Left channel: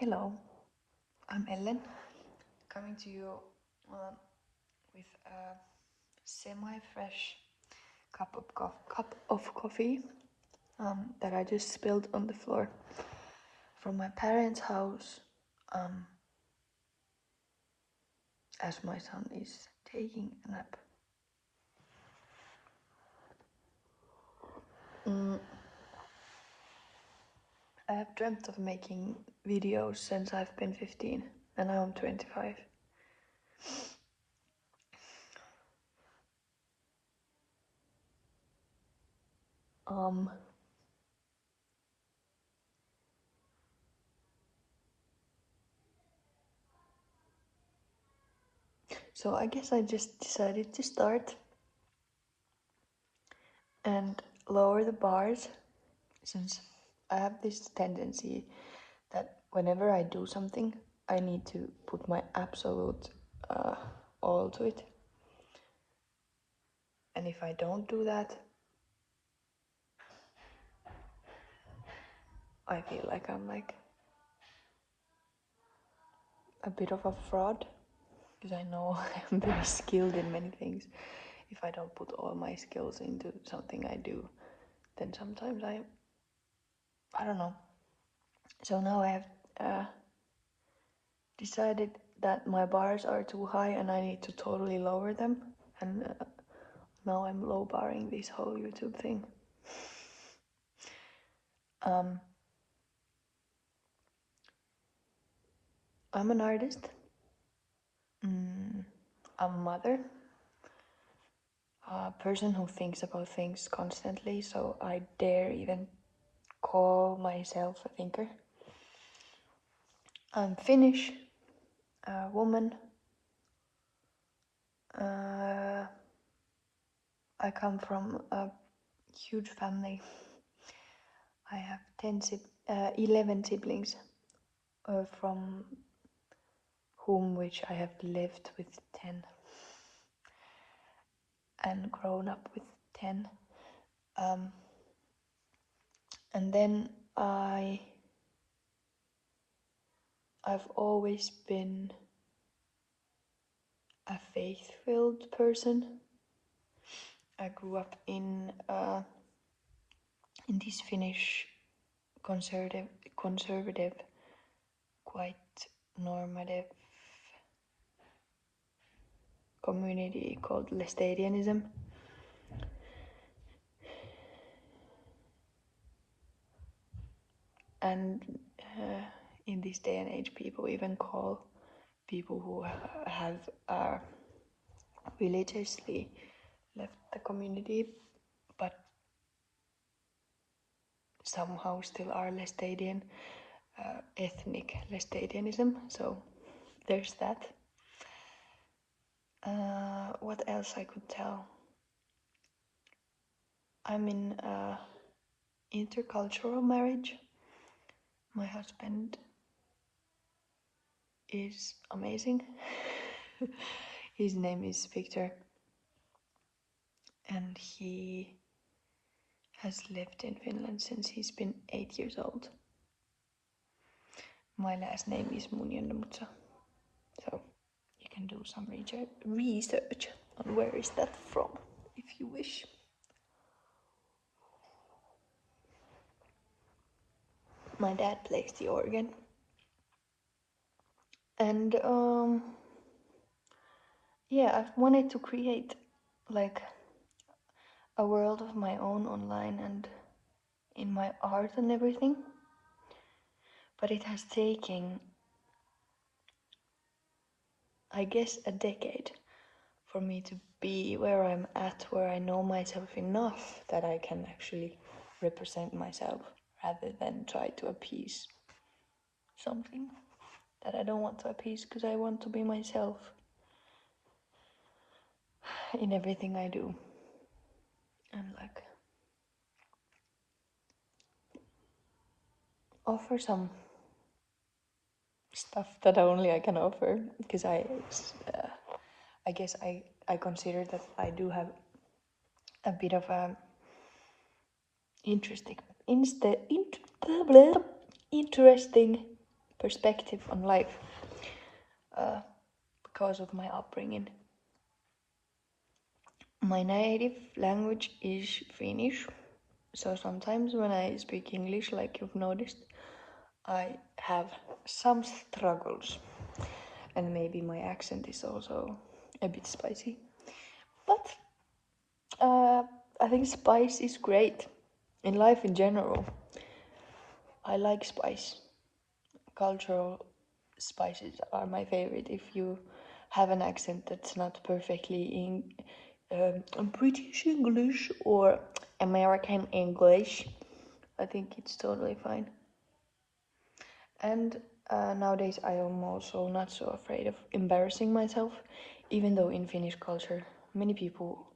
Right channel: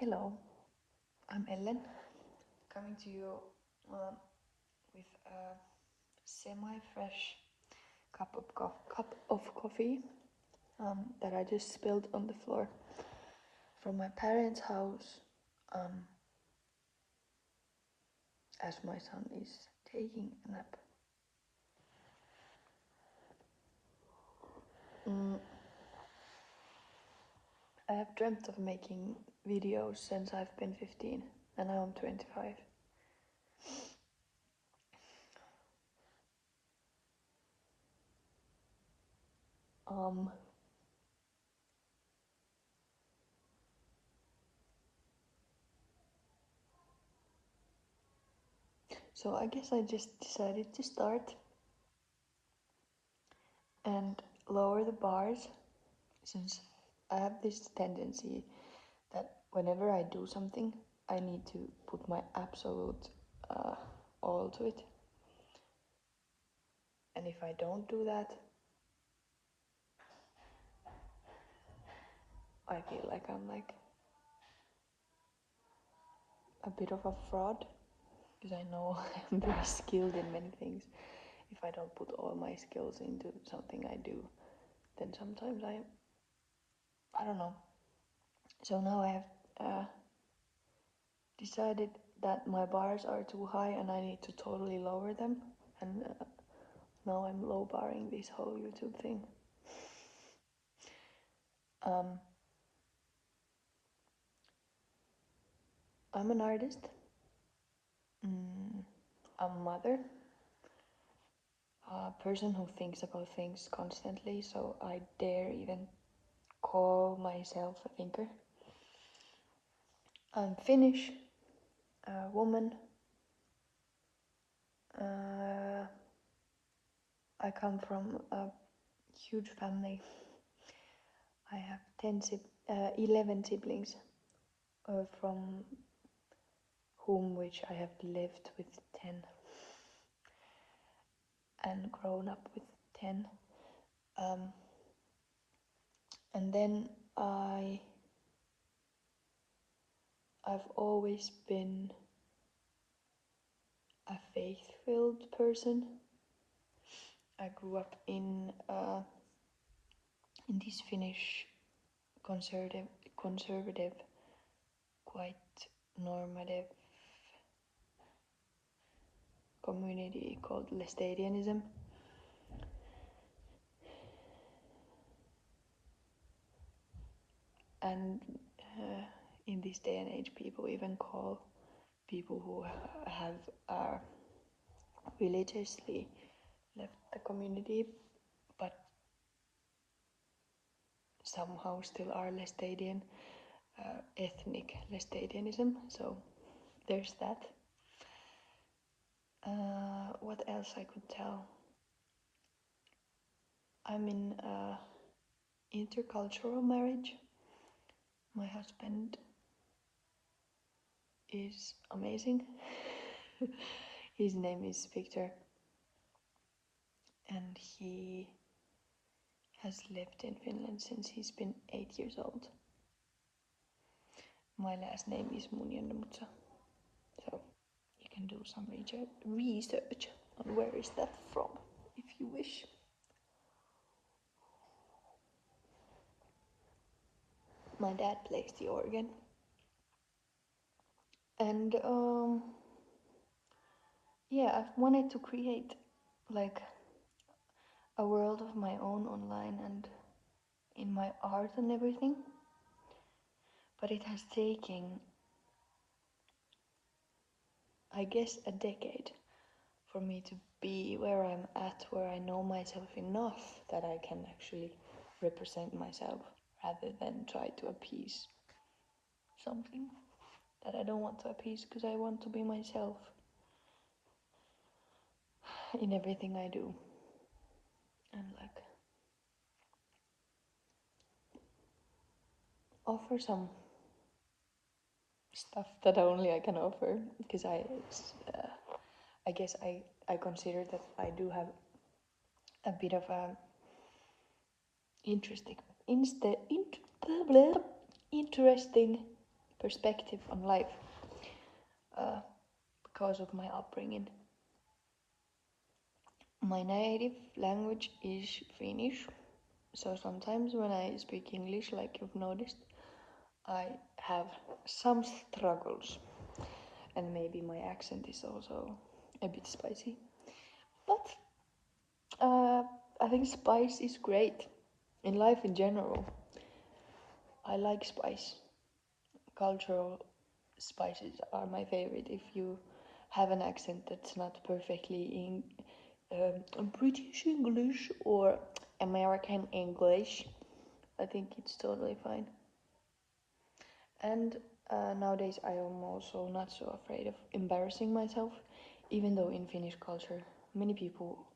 Hello, I'm Ellen, coming to you with a semi-fresh cup of coffee that I just spilled on the floor from my parents' house as my son is taking a nap. I have dreamt of making videos since I've been 15 and now I'm 25. So I guess I just decided to start and lower the bars, since I have this tendency that whenever I do something, I need to put my absolute all to it. And if I don't do that, I feel like I'm like a bit of a fraud, because I know I'm very skilled in many things. If I don't put all my skills into something I do, then sometimes I don't know. So now I have decided that my bars are too high and I need to totally lower them, and now I'm low barring this whole YouTube thing. I'm an artist. I'm a mother. A person who thinks about things constantly, so I dare even call myself a thinker. I'm Finnish, a woman. I come from a huge family. I have 11 siblings, from whom which I have lived with 10 and grown up with 10. And then I've always been a faith-filled person. I grew up in this Finnish conservative, quite normative community called Lestadianism. And in this day and age, people even call people who have religiously left the community, but somehow still are Lestadian, ethnic Lestadianism. So there's that. What else I could tell? I'm in intercultural marriage. My husband is amazing. His name is Victor, and he has lived in Finland since he's been 8 years old. My last name is Munjandamutsa, so you can do some research on where is that from, if you wish. My dad plays the organ, and yeah, I've wanted to create like a world of my own online and in my art and everything, but it has taken, I guess, a decade for me to be where I'm at, where I know myself enough that I can actually represent myself rather than try to appease something that I don't want to appease, because I want to be myself in everything I do. And like offer some stuff that only I can offer, because I guess I consider that I do have a bit of a interesting perspective on life because of my upbringing. My native language is Finnish, so sometimes when I speak English, like you've noticed, I have some struggles, and maybe my accent is also a bit spicy. But I think spice is great in life in general. I like spice. Cultural spices are my favorite. If you have an accent that's not perfectly in British English or American English, I think it's totally fine. And nowadays I am also not so afraid of embarrassing myself, even though in Finnish culture many people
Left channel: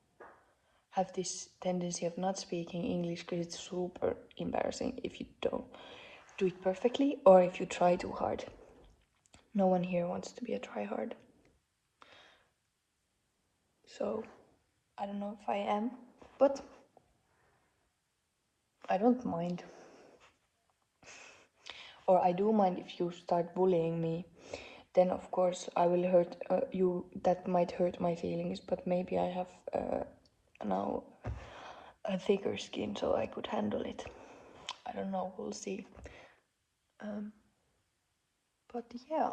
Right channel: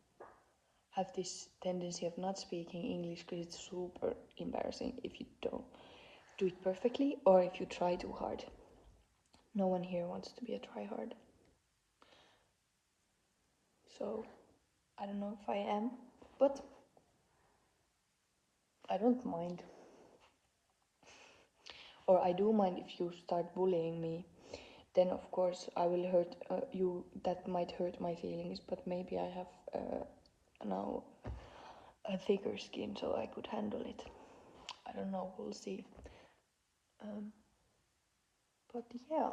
have this tendency of not speaking English because it's super embarrassing if you don't do it perfectly or if you try too hard. No one here wants to be a tryhard. So I don't know if I am, but I don't mind. Or I do mind if you start bullying me. Then of course I will hurt you. That might hurt my feelings, but maybe I have now a thicker skin, so I could handle it. I don't know. We'll see. But yeah.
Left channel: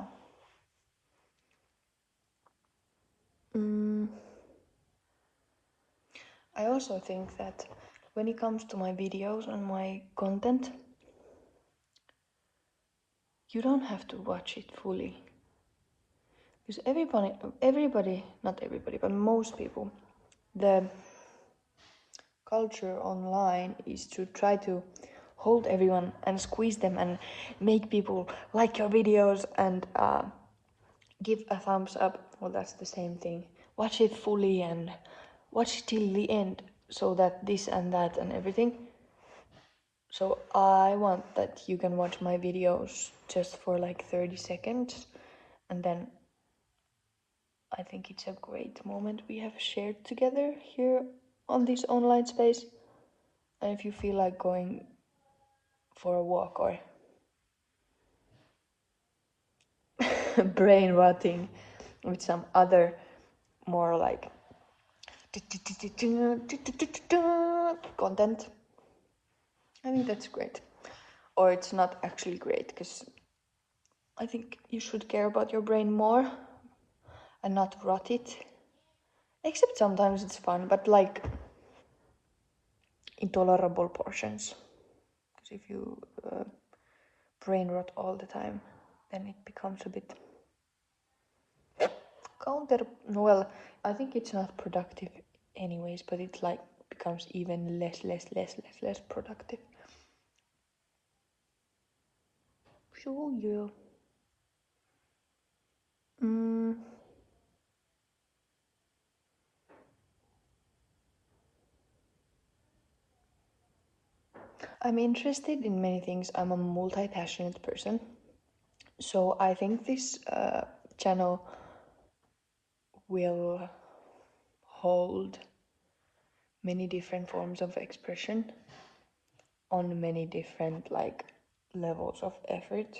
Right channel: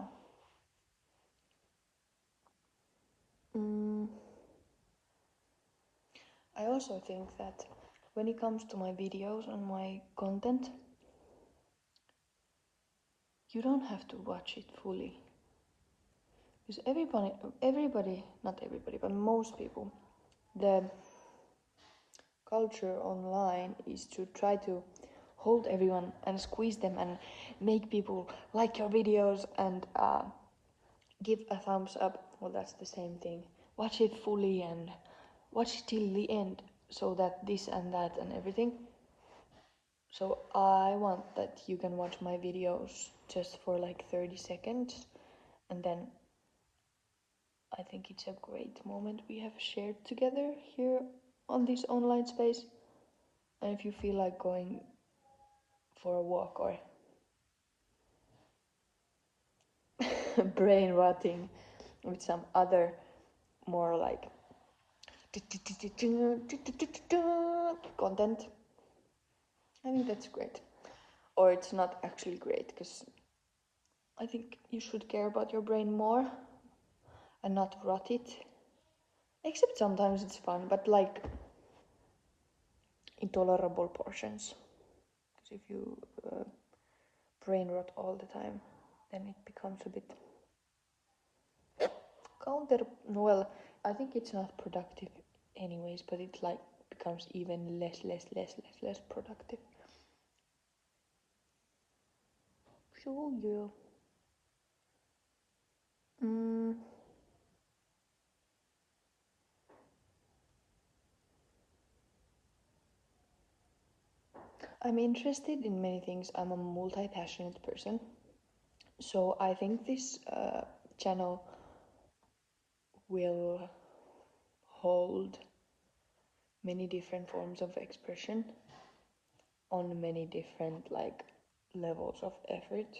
I also think that when it comes to my videos and my content, you don't have to watch it fully. Because everybody, not everybody, but most people, the culture online is to try to hold everyone and squeeze them and make people like your videos and give a thumbs up. Well, that's the same thing. Watch it fully and watch it till the end so that this and that and everything. So I want that you can watch my videos just for like 30 seconds and then I think it's a great moment we have shared together here on this online space. And if you feel like going for a walk or brain rotting with some other more like content, I think that's great. Or it's not actually great because I think you should care about your brain more and not rot it. Except sometimes it's fun, but like intolerable portions. Because if you brain rot all the time, then it becomes a bit well, I think it's not productive anyways, but it like becomes even less productive. So yeah. I'm interested in many things. I'm a multi-passionate person. So I think this channel will hold many different forms of expression on many different like levels of effort.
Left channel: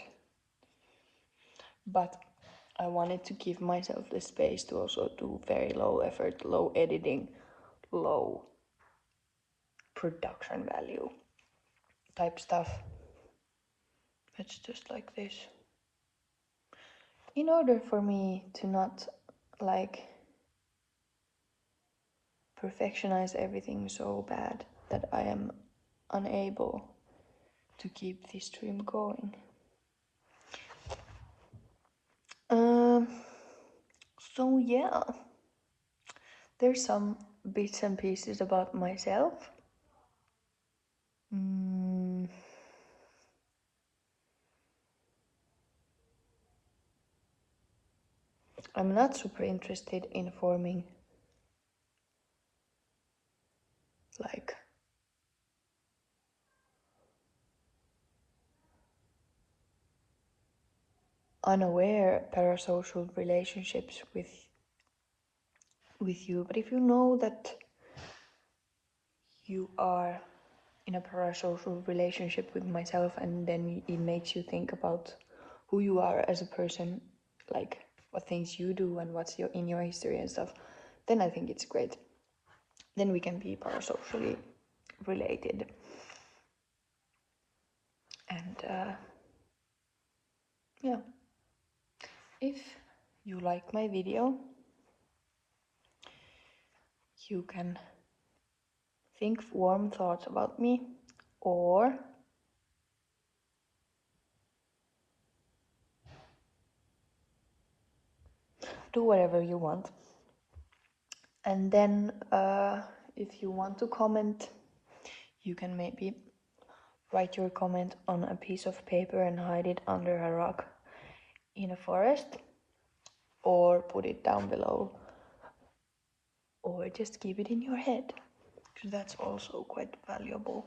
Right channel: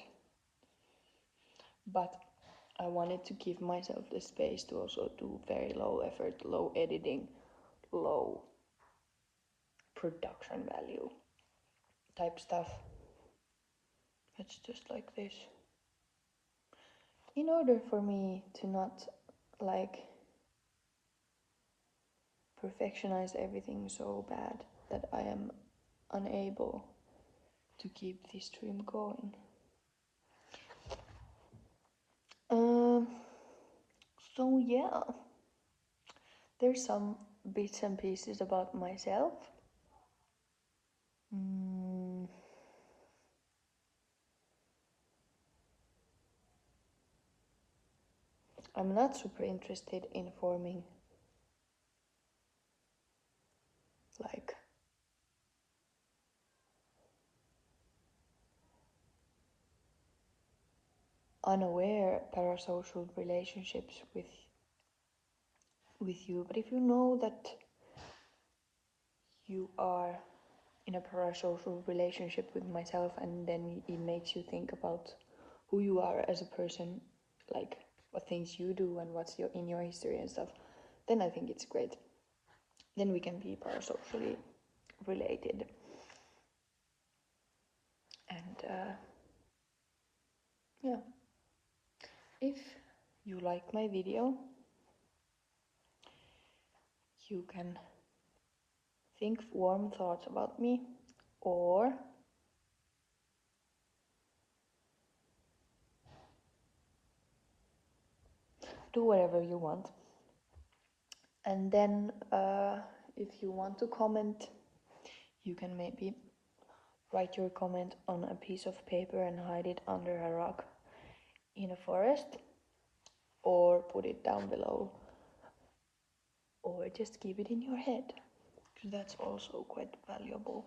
But I wanted to give myself the space to also do very low effort, low editing, low production value type stuff. It's just like this. In order for me to not like perfectionize everything so bad that I am unable to keep this stream going. So yeah, there's some bits and pieces about myself. I'm not super interested in forming like unaware parasocial relationships with you, but if you know that you are in a parasocial relationship with myself and then it makes you think about who you are as a person, like what things you do and what's in your history and stuff, then I think it's great. Then we can be parasocially related. And yeah, if you like my video, you can think warm thoughts about me, or do whatever you want. And then if you want to comment, you can maybe write your comment on a piece of paper and hide it under a rock in a forest, or put it down below, or just keep it in your head, because that's also quite valuable.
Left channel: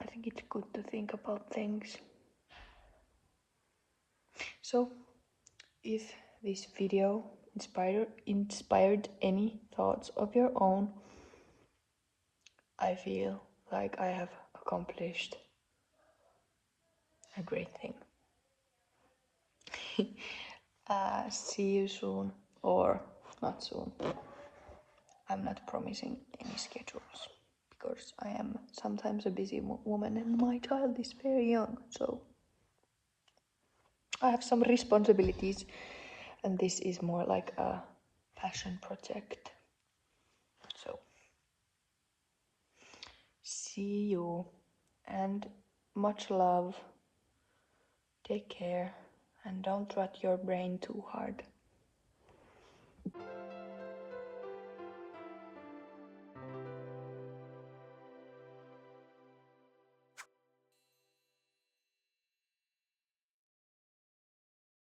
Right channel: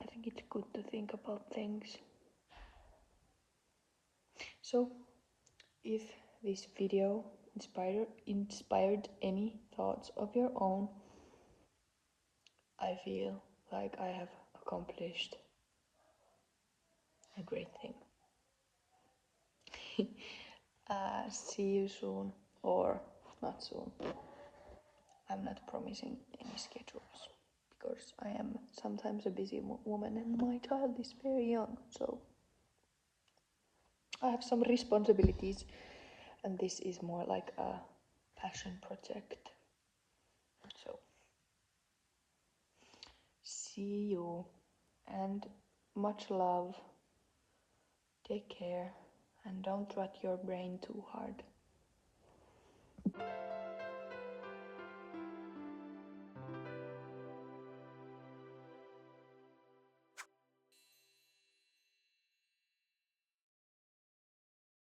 I think it's good to think about things. So if this video inspired any thoughts of your own, I feel like I have accomplished a great thing. See you soon, or not soon. I'm not promising any schedules, because I am sometimes a busy woman and my child is very young, so I have some responsibilities, and this is more like a passion project. So see you, and much love. Take care, and don't rot your brain too hard.